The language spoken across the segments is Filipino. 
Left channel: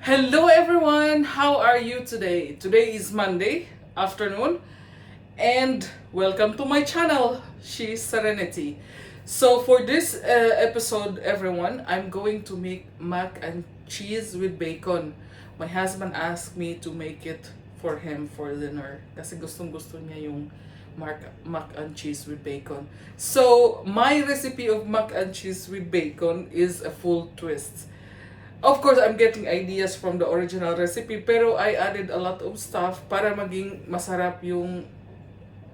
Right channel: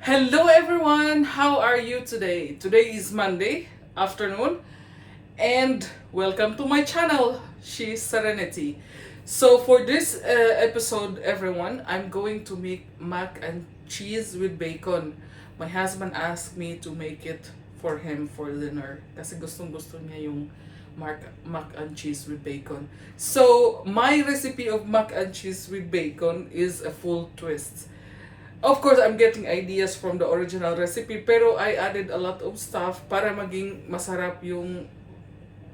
Hello everyone, how are you today? Today is Monday afternoon and welcome to my channel, She's Serenity. So for this episode everyone, I'm going to make mac and cheese with bacon. My husband asked me to make it for him for dinner kasi gustong-gusto niya yung mac and cheese with bacon. So my recipe of mac and cheese with bacon is a full twist. Of course, I'm getting ideas from the original recipe, pero I added a lot of stuff para maging masarap yung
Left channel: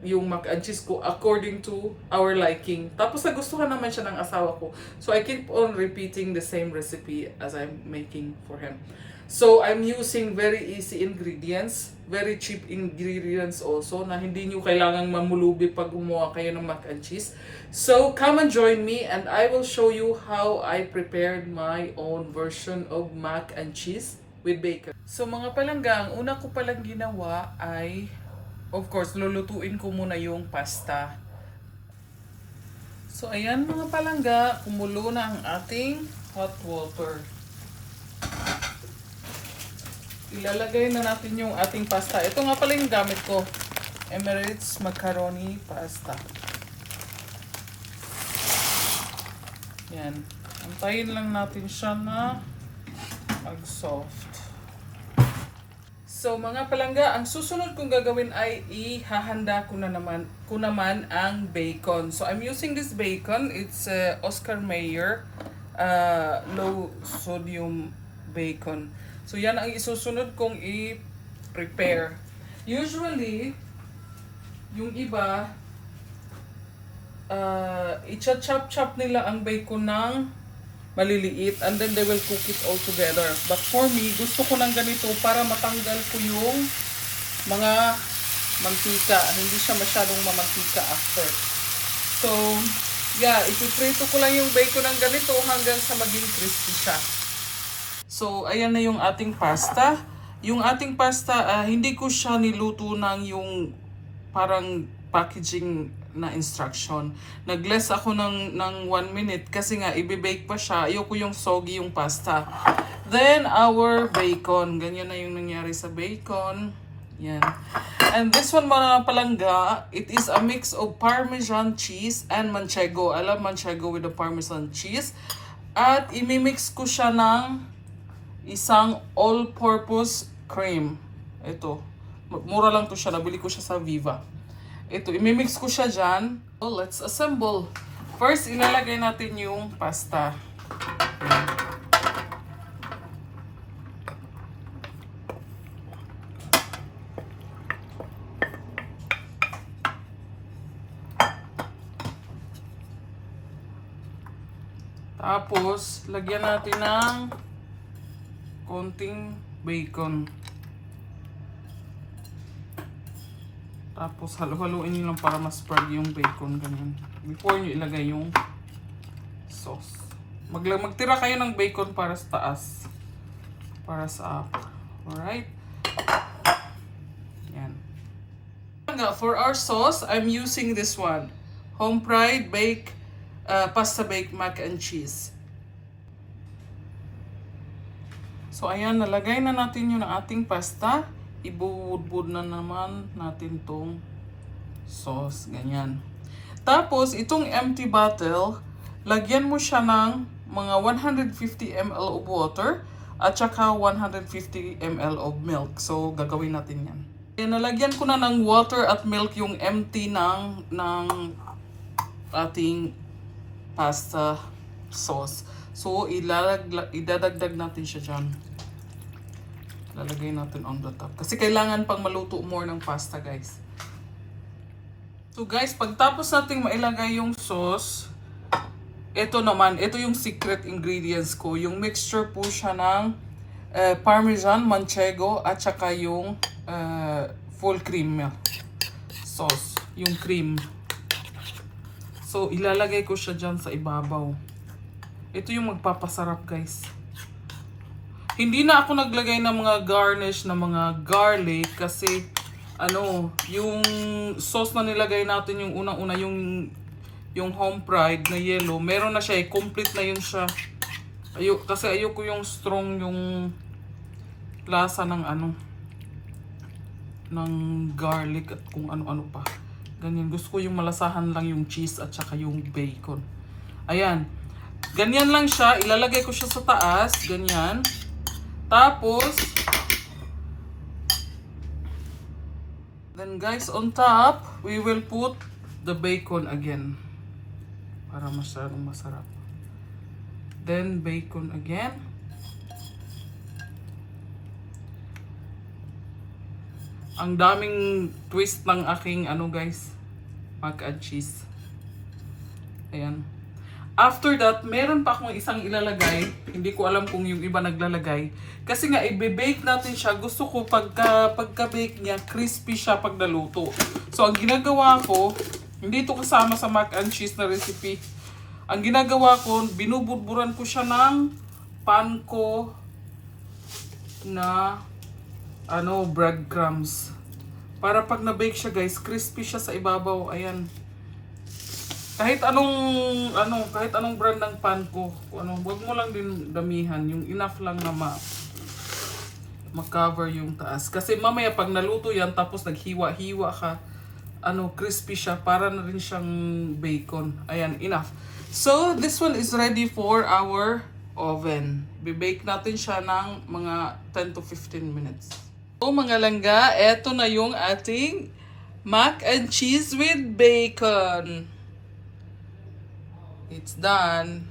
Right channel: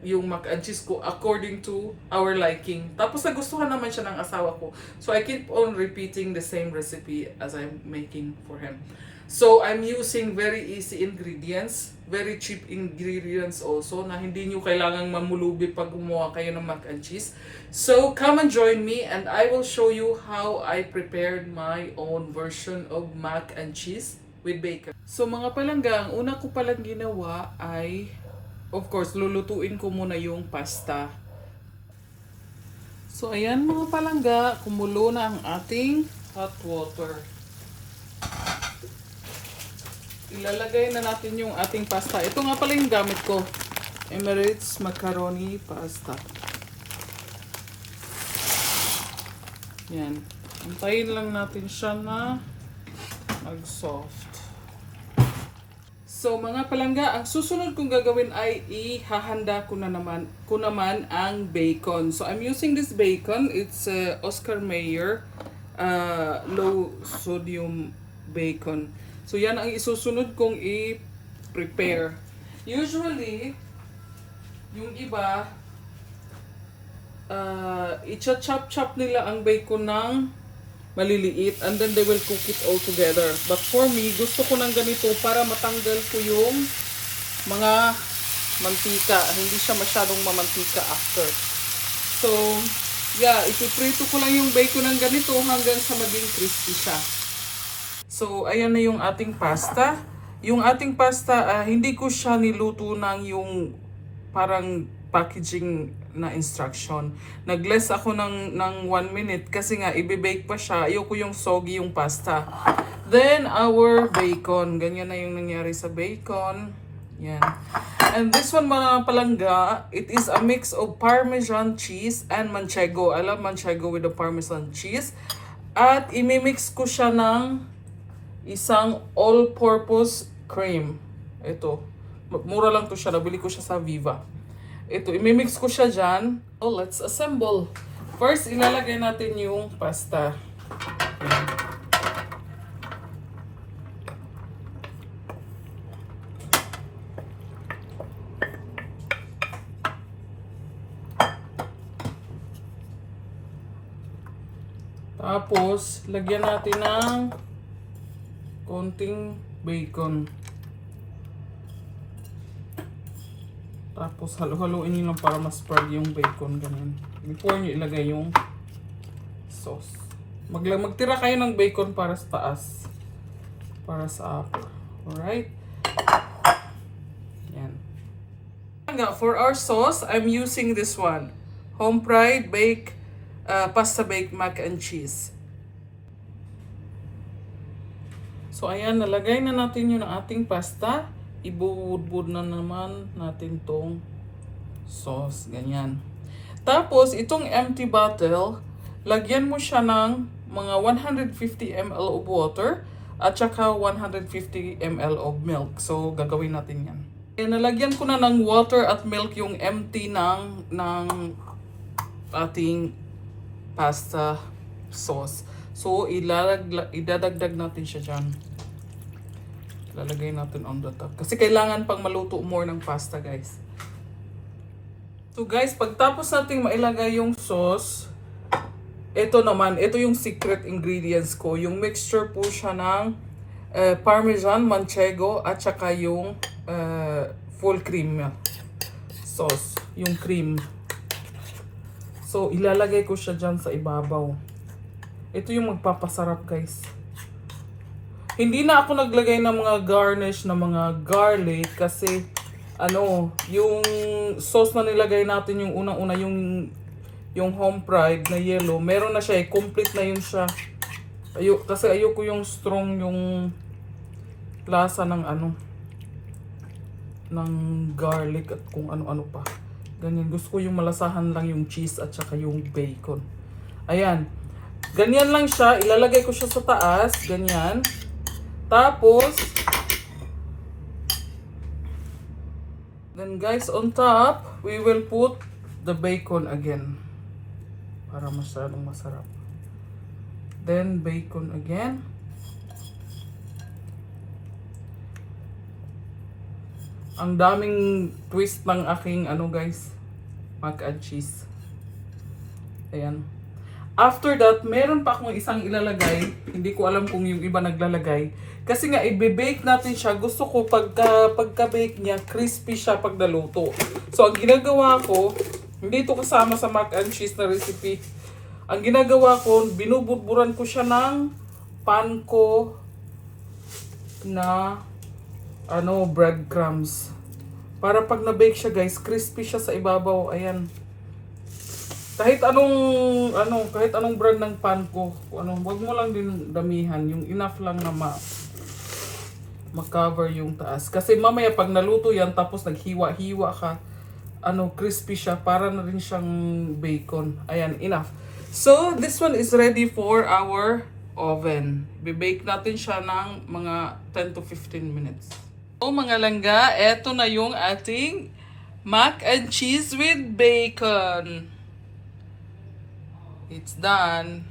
mac and cheese ko according to our liking. Tapos nagustuhan naman siya ng asawa ko. So I keep on repeating the same recipe as I'm making for him. So I'm using very easy ingredients, very cheap ingredients also na hindi nyo kailangang mamulubi pag gumawa kayo ng mac and cheese. So come and join me and I will show you how I prepared my own version of mac and cheese with bacon. So mga palangga, ang una ko palang ginawa ay, of course, lulutuin ko muna yung pasta. So ayan mga palangga, kumulo na ang ating hot water. Ilalagay na natin yung ating pasta. Ito nga pala yung gamit ko. Emirates Macaroni Pasta. Yan. Antayin lang natin siya na mag-soft. So mga palangga, ang susunod kong gagawin ay ihahanda ko naman ang bacon. So I'm using this bacon. It's Oscar Mayer low sodium bacon. So yan ang isusunod kong i-prepare. Usually, yung iba, i-chop nila ang bacon ng maliliit and then they will cook it all together. But for me, gusto ko ng ganito para matanggal ko yung mga mantika. Hindi siya masyadong mamantika after. So, yeah, ipiprito ko lang yung bacon ng ganito hanggang sa maging crispy siya. So, ayan na yung ating pasta. Yung ating pasta, hindi ko siya niluto ng yung parang packaging na instruction. Nag-less ako ng 1 minute kasi nga i-bake pa siya. Ayoko yung soggy yung pasta. Then, our bacon. Ganyan na yung nangyari sa bacon. Yan. And this one mga palangga, it is a mix of Parmesan cheese and Manchego. I love Manchego with the Parmesan cheese. At imimix ko siya ng isang all-purpose cream. Ito. Mura lang to siya. Nabili ko siya sa Viva. Ito. Imimix ko siya dyan. So, let's assemble. First, ilalagay natin yung pasta. Tapos, lagyan natin ng konting bacon. Tapos halo-haloin nyo lang para ma-spread yung bacon ganyan. Before nyo ilagay yung sauce. Magtira kayo ng bacon para sa taas. Para sa upper. Alright? Yan. For our sauce, I'm using this one. Home fried pasta baked mac and cheese. So, ayan, nalagay na natin yung ating pasta. Ibuhudbud na naman natin tong sauce. Ganyan. Tapos, itong empty bottle, lagyan mo siya ng mga 150 ml of water at saka 150 ml of milk. So, gagawin natin yan. Ayan, nalagyan ko na ng water at milk yung empty ng ating pasta sauce. So, idadagdag natin siya dyan. Lalagay natin on the top. Kasi kailangan pang maluto more ng pasta, guys. So, guys, pagtapos natin mailagay yung sauce, ito naman, ito yung secret ingredients ko. Yung mixture po siya ng Parmesan, Manchego, at saka yung full cream sauce. Yung cream. So, ilalagay ko siya dyan sa ibabaw. Ito yung magpapasarap, guys. Hindi na ako naglagay ng mga garnish na mga garlic kasi yung sauce na nilagay natin yung unang-una yung home fried na yellow, meron na siya complete na yun siya. Kasi ayoko yung strong yung lasa ng ano, ng garlic at kung ano-ano pa. Ganyan. Gusto ko yung malasahan lang yung cheese at saka yung bacon. Ayan. Ganyan lang siya. Ilalagay ko siya sa taas. Ganyan. Tapos, then guys, on top, we will put the bacon again. Para masyadong masarap. Then, bacon again. Ang daming twist ng aking ano guys, mac and cheese. Ayan. After that, meron pa akong isang ilalagay. Hindi ko alam kung yung iba naglalagay. Kasi nga, i-bake natin siya. Gusto ko pagka-bake niya, crispy siya pag naluto. So, ang ginagawa ko, hindi ito kasama sa mac and cheese na recipe. Ang ginagawa ko, binubudburan ko siya ng panko na breadcrumbs. Para pag na-bake siya guys, crispy siya sa ibabaw. Ayan. Kahit anong brand ng panko, wag mo lang din damihan, yung enough lang na ma-cover yung taas. Kasi mamaya pag naluto yan, tapos naghiwa-hiwa ka, crispy siya, para na rin siyang bacon. Ayan, enough. So, this one is ready for our oven. Bibake natin siya ng mga 10 to 15 minutes. So, mga langga, eto na yung ating mac and cheese with bacon. It's done.